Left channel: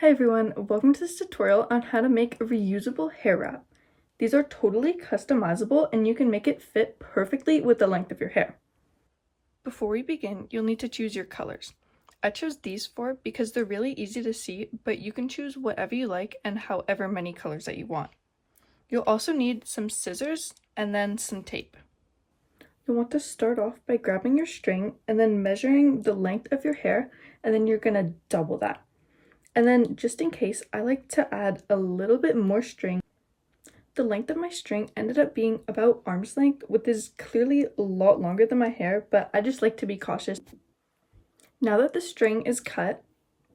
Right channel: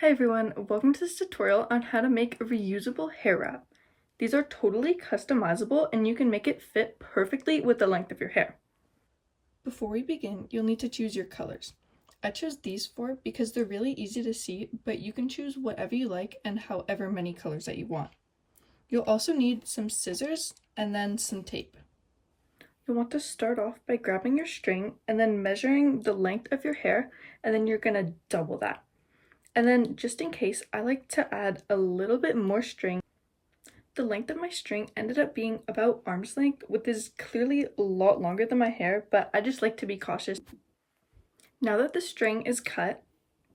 Hey everyone, welcome to this tutorial on how to make a reusable hair wrap. These are totally customizable and you can make it fit perfectly with the length of your hair. Before we begin, you'll need to choose your colors. I chose these four because they're really easy to see, but you can choose whatever you like and however many colors that you want. You'll also need some scissors and then some tape. You'll want to start off by grabbing your string and then measuring the length of your hair, and then you're gonna double that. And then just in case, I like to add a little bit more string. The length of my string ended up being about arm's length, which is clearly a lot longer than my hair, but I just like to be cautious. Now that the string is cut,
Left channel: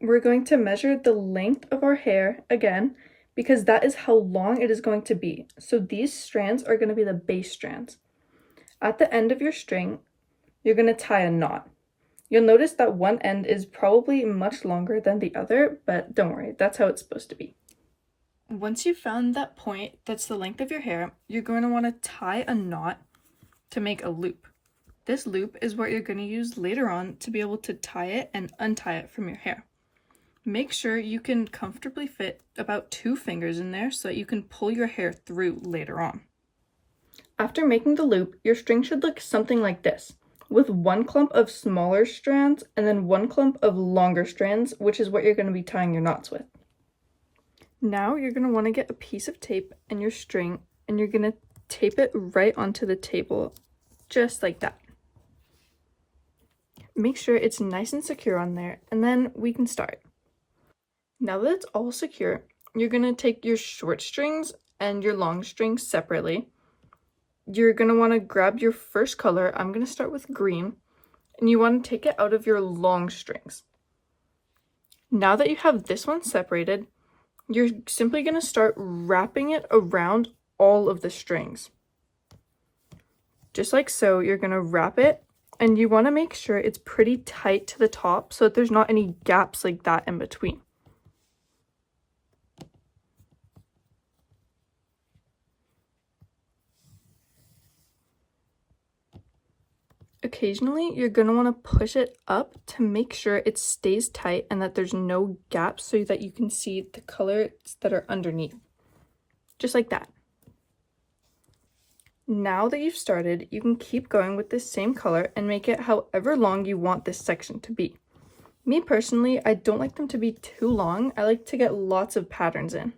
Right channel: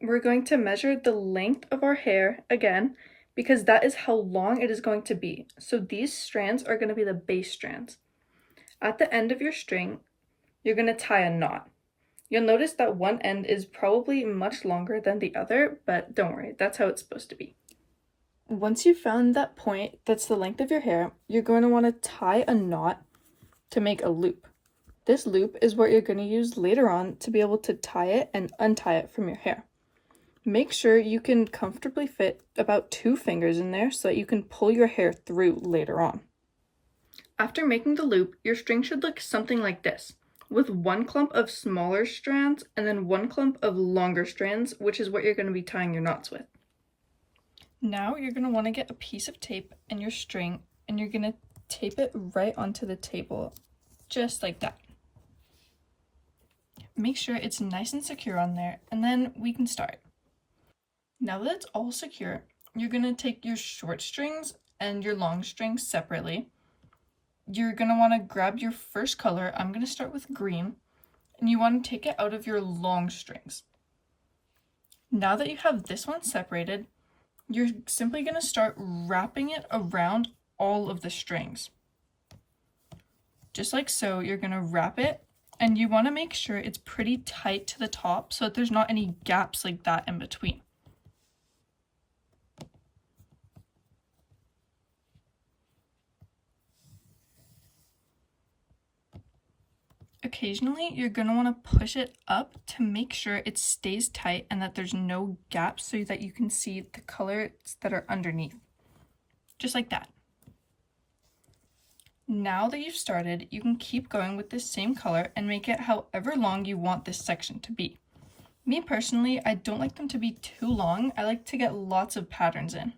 we're going to measure the length of our hair again, because that is how long it is going to be. So these strands are going to be the base strands. At the end of your string, you're going to tie a knot. You'll notice that one end is probably much longer than the other, but don't worry, that's how it's supposed to be. Once you've found that point that's the length of your hair, you're going to want to tie a knot to make a loop. This loop is what you're going to use later on to be able to tie it and untie it from your hair. Make sure you can comfortably fit about 2 fingers in there so that you can pull your hair through later on. After making the loop, your string should look something like this, with one clump of smaller strands and then one clump of longer strands, which is what you're going to be tying your knots with. Now you're going to want to get a piece of tape and your string, and you're going to tape it right onto the table, just like that. Make sure it's nice and secure on there, and then we can start. Now that it's all secure, you're going to take your short strings and your long strings separately. You're going to want to grab your first color. I'm going to start with green, and you want to take it out of your long strings. Now that you have this one separated, you're simply going to start wrapping it around all of the strings. Just like so, you're going to wrap it, and you want to make sure it's pretty tight to the top so that there's not any gaps like that in between. Occasionally, you're going to want to push it up to make sure it stays tight and that there's no gaps so that you can see the colors that are underneath. Just like that. Now that you've started, you can keep going with this same color and make it however long you want this section to be. Me personally, I don't like them to be too long. I like to get lots of patterns in.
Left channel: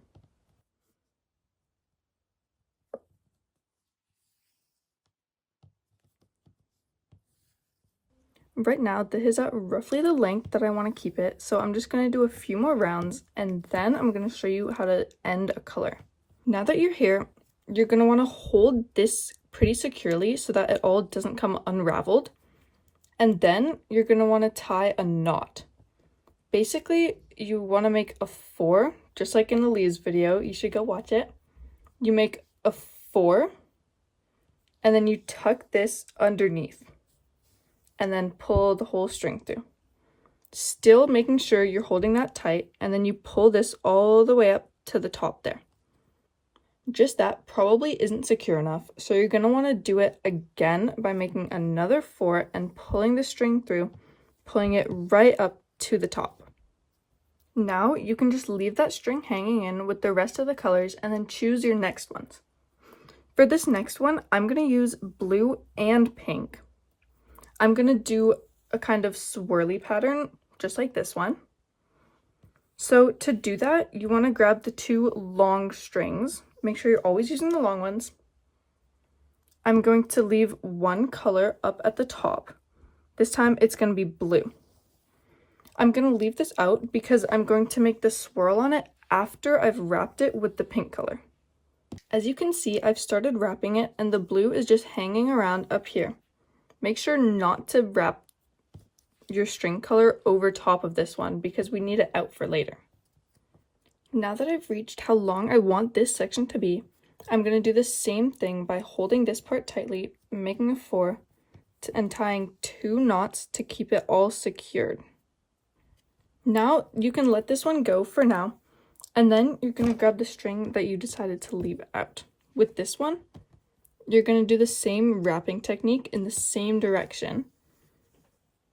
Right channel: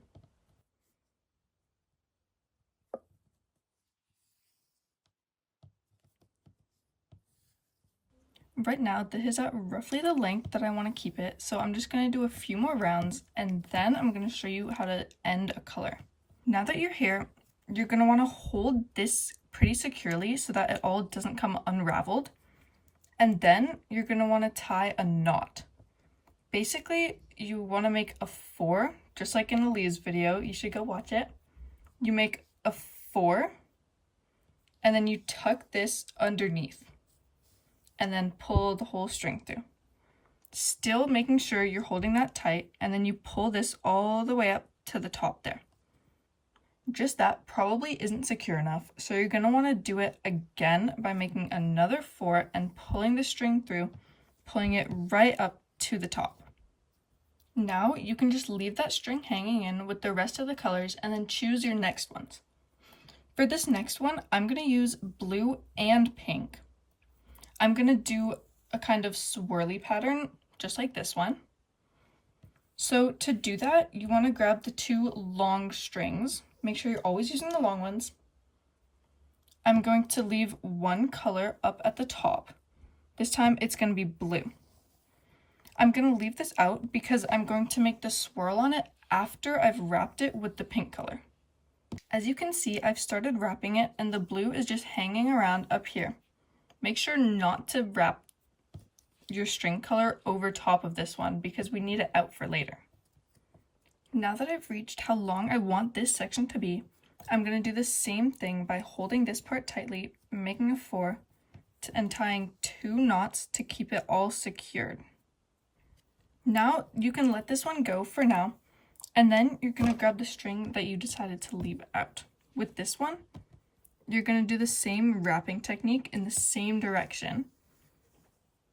Right now, this is at roughly the length that I want to keep it, so I'm just going to do a few more rounds, and then I'm going to show you how to end a color. Now that you're here, you're going to want to hold this pretty securely so that it all doesn't come unraveled, and then you're going to want to tie a knot. Basically, you want to make a 4, just like in Ali's video. You should go watch it. You make a 4, and then you tuck this underneath, and then pull the whole string through. Still making sure you're holding that tight, and then you pull this all the way up to the top there. Just that probably isn't secure enough, so you're going to want to do it again by making another 4 and pulling the string through, pulling it right up to the top. Now you can just leave that string hanging in with the rest of the colors and then choose your next ones. For this next one, I'm going to use blue and pink. I'm going to do a kind of swirly pattern, just like this one. So to do that, you want to grab the 2 long strings. Make sure you're always using the long ones. I'm going to leave one color up at the top. This time it's going to be blue. I'm going to leave this out because I'm going to make the swirl on it after I've wrapped it with the pink color. As you can see, I've started wrapping it and the blue is just hanging around up here. Make sure not to wrap your string color over top of this one because we need it out for later. Now that I've reached how long I want this section to be, I'm going to do the same thing by holding this part tightly, making a 4, and tying 2 knots to keep it all secured. Now you can let this one go for now, and then you're going to grab the string that you decided to leave out. With this one, you're going to do the same wrapping technique in the same direction,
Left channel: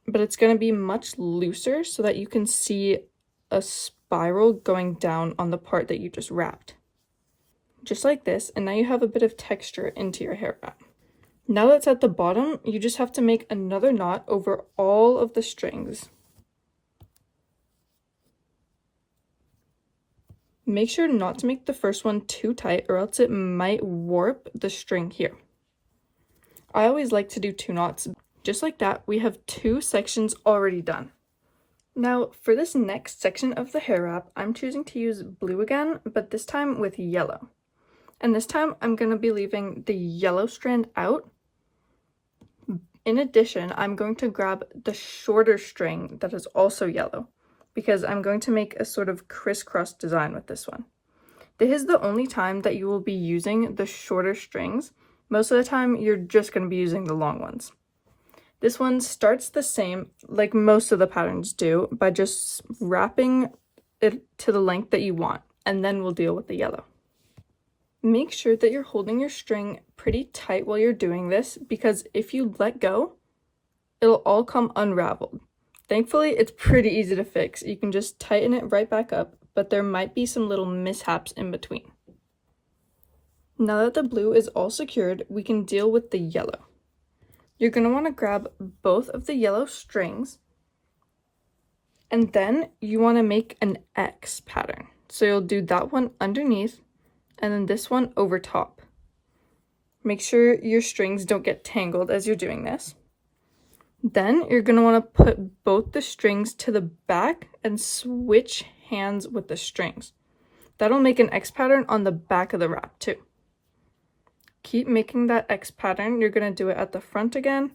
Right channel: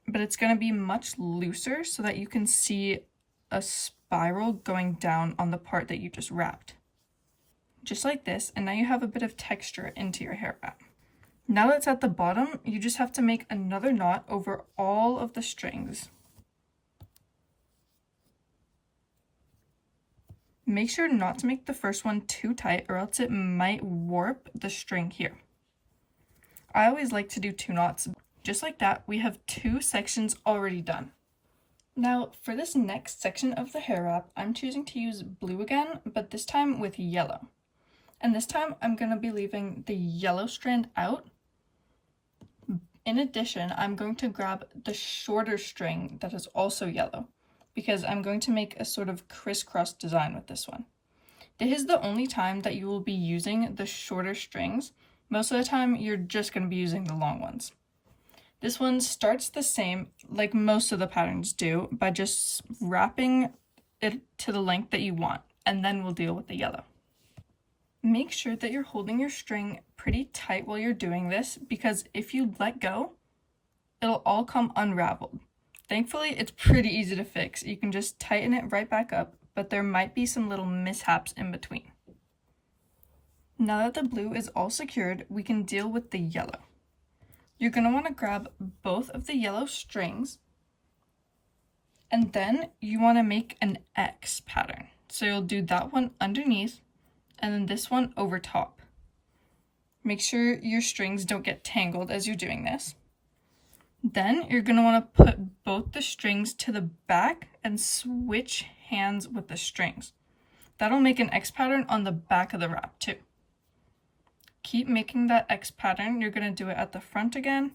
but it's going to be much looser so that you can see a spiral going down on the part that you just wrapped. Just like this, and now you have a bit of texture into your hair wrap. Now that's at the bottom, you just have to make another knot over all of the strings. Make sure not to make the first one too tight or else it might warp the string here. I always like to do 2 knots. Just like that, we have 2 sections already done. Now for this next section of the hair wrap, I'm choosing to use blue again, but this time with yellow. And this time I'm going to be leaving the yellow strand out. In addition, I'm going to grab the shorter string that is also yellow, because I'm going to make a sort of crisscross design with this one. This is the only time that you will be using the shorter strings. Most of the time, you're just going to be using the long ones. This one starts the same, like most of the patterns do, by just wrapping it to the length that you want, and then we'll deal with the yellow. Make sure that you're holding your string pretty tight while you're doing this, because if you let go, it'll all come unraveled. Thankfully, it's pretty easy to fix. You can just tighten it right back up, but there might be some little mishaps in between. Now that the blue is all secured, we can deal with the yellow. You're going to want to grab both of the yellow strings, and then you want to make an X pattern. So you'll do that one underneath, and then this one over top. Make sure your strings don't get tangled as you're doing this. Then you're going to want to put both the strings to the back and switch hands with the strings. That'll make an X pattern on the back of the wrap too. Keep making that X pattern. You're going to do it at the front again,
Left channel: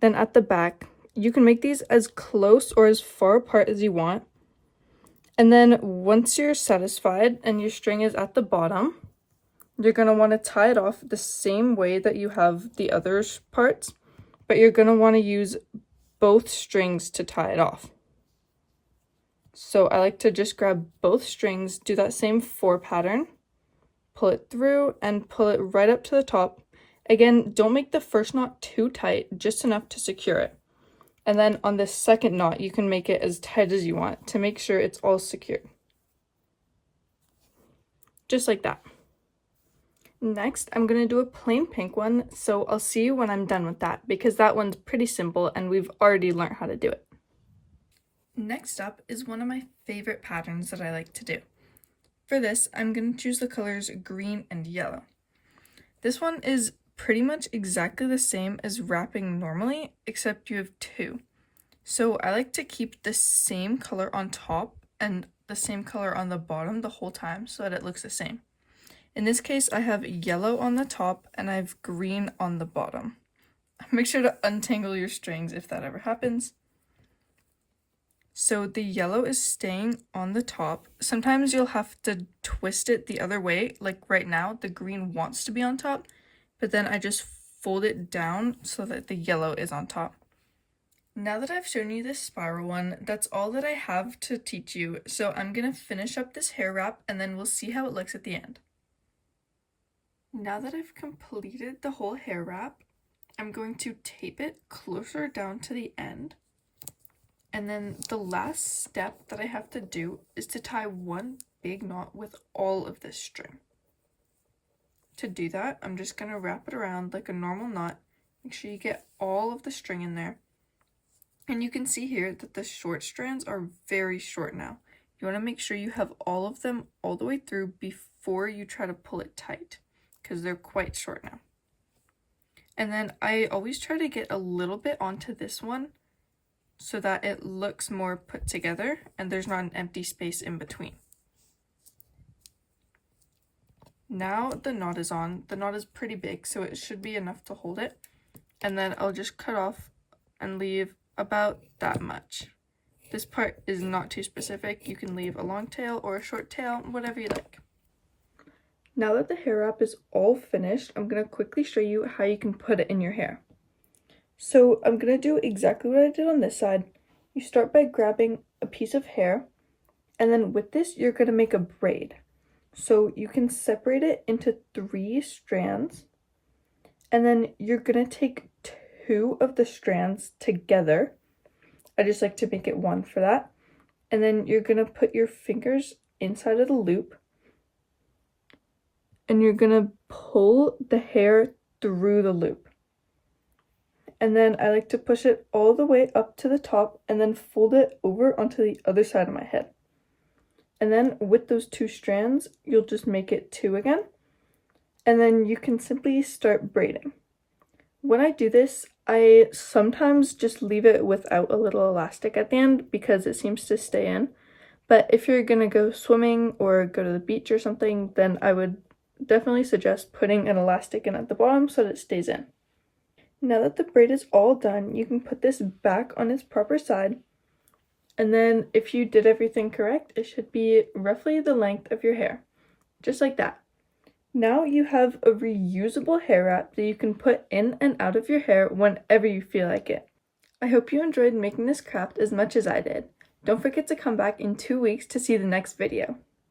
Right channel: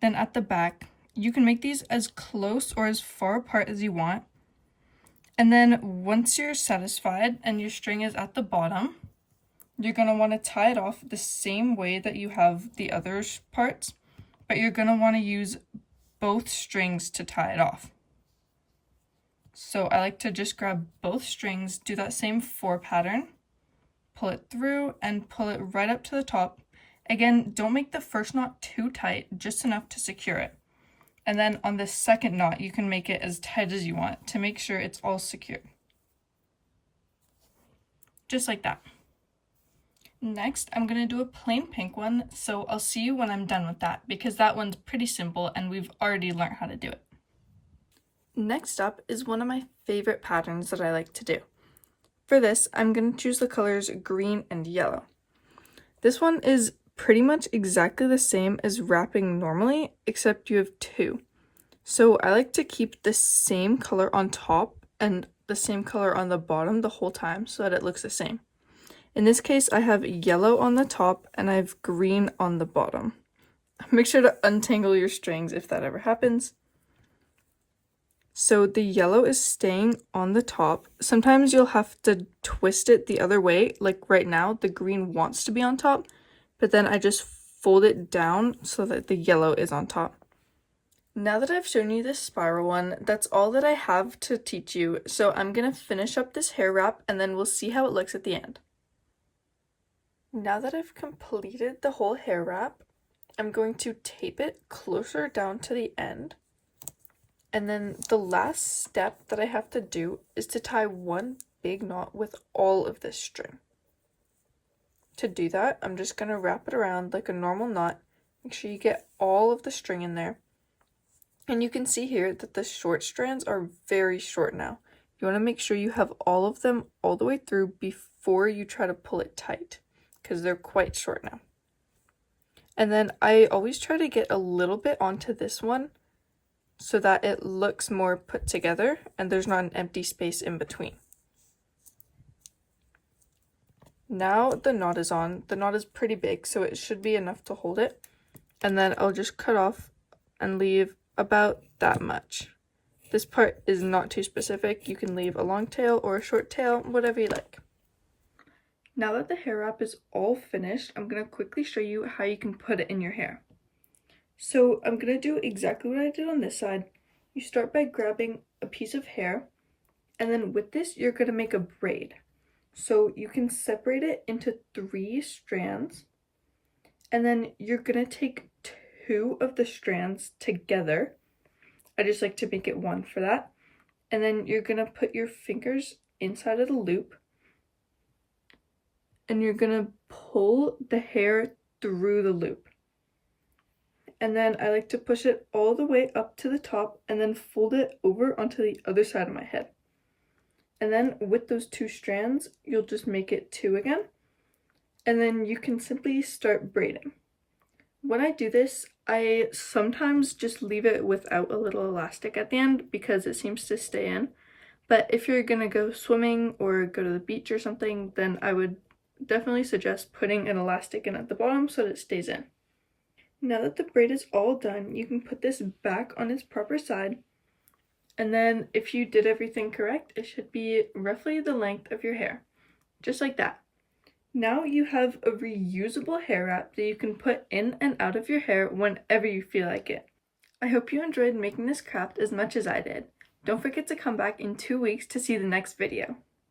then at the back. You can make these as close or as far apart as you want. And then once you're satisfied and your string is at the bottom, you're going to want to tie it off the same way that you have the other parts. But you're going to want to use both strings to tie it off. So I like to just grab both strings, do that same 4 pattern, pull it through and pull it right up to the top. Again, don't make the first knot too tight, just enough to secure it. And then on the second knot, you can make it as tight as you want to make sure it's all secured. Just like that. Next, I'm going to do a plain pink one, so I'll see you when I'm done with that, because that one's pretty simple and we've already learned how to do it. Next up is one of my favorite patterns that I like to do. For this, I'm going to choose the colors green and yellow. This one is pretty much exactly the same as wrapping normally, except you have 2. So I like to keep the same color on top and the same color on the bottom the whole time so that it looks the same. In this case, I have yellow on the top and I have green on the bottom. Make sure to untangle your strings if that ever happens. So the yellow is staying on the top. Sometimes you'll have to twist it the other way, like right now, the green wants to be on top, but then I just fold it down so that the yellow is on top. Now that I've shown you this spiral one, that's all that I have to teach you, so I'm going to finish up this hair wrap and then we'll see how it looks at the end. Now that I've completed the whole hair wrap, I'm going to tape it closer down to the end. And then the last step that I have to do is to tie one big knot with all of this string. To do that, I'm just going to wrap it around like a normal knot. Make sure you get all of the string in there. And you can see here that the short strands are very short now. You want to make sure you have all of them all the way through before you try to pull it tight, because they're quite short now. And then I always try to get a little bit onto this one so that it looks more put together and there's not an empty space in between. Now the knot is on. The knot is pretty big, so it should be enough to hold it. And then I'll just cut off and leave about that much. This part is not too specific. You can leave a long tail or a short tail, whatever you like. Now that the hair wrap is all finished, I'm going to quickly show you how you can put it in your hair. So I'm going to do exactly what I did on this side. You start by grabbing a piece of hair, and then with this, you're going to make a braid. So you can separate it into 3 strands, and then you're going to take 2 of the strands together. I just like to make it 1 for that. and then you're gonna put your fingers inside of the loop, and you're gonna pull the hair through the loop. And then I like to push it all the way up to the top and then fold it over onto the other side of my head. And then with those 2 strands, you'll just make it 2 again. And then you can simply start braiding. When I do this, I sometimes just leave it without a little elastic at the end because it seems to stay in. But if you're gonna go swimming or go to the beach or something, then I would definitely suggest putting an elastic in at the bottom so that it stays in. Now that the braid is all done, you can put this back on its proper side. And then if you did everything correct, it should be roughly the length of your hair. Just like that. Now you have a reusable hair wrap that you can put in and out of your hair whenever you feel like it. I hope you enjoyed making this craft as much as I did. Don't forget to come back in 2 weeks to see the next video.